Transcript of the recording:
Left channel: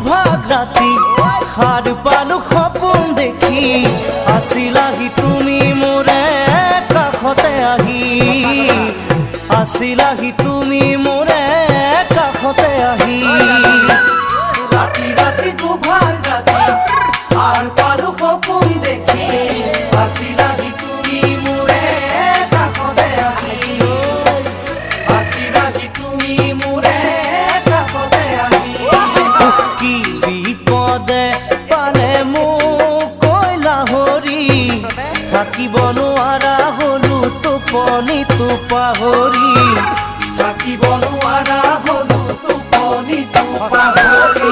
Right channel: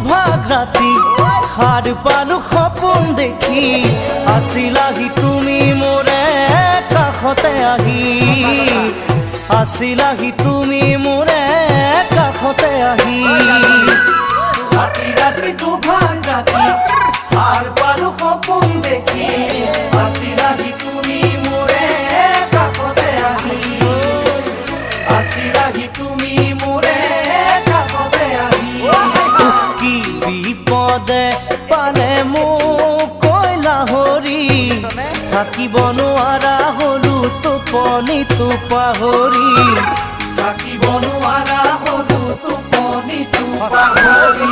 দুভাগ ৰাতি সাৰ পালো সপোন দেখি আছিলাহি তুমি মোৰে কাষতে আহি আছিলাহি তুমি মোৰে কাষতে আহি ৰাতি ৰাতি দুভাগ ৰাতি সাৰ পালো সপোন দেখি আছিলাহি তুমি মোৰে কাষতে আহি আছিলাহি তুমি মোৰে কাষতে আহি কি বিপদে পালে মোক কৈলা হৰি থাকিব নোৱাৰা হলো টোপনিটো পাহৰি থাকিব নোৱাৰা হলো টোপনিটো পাহৰি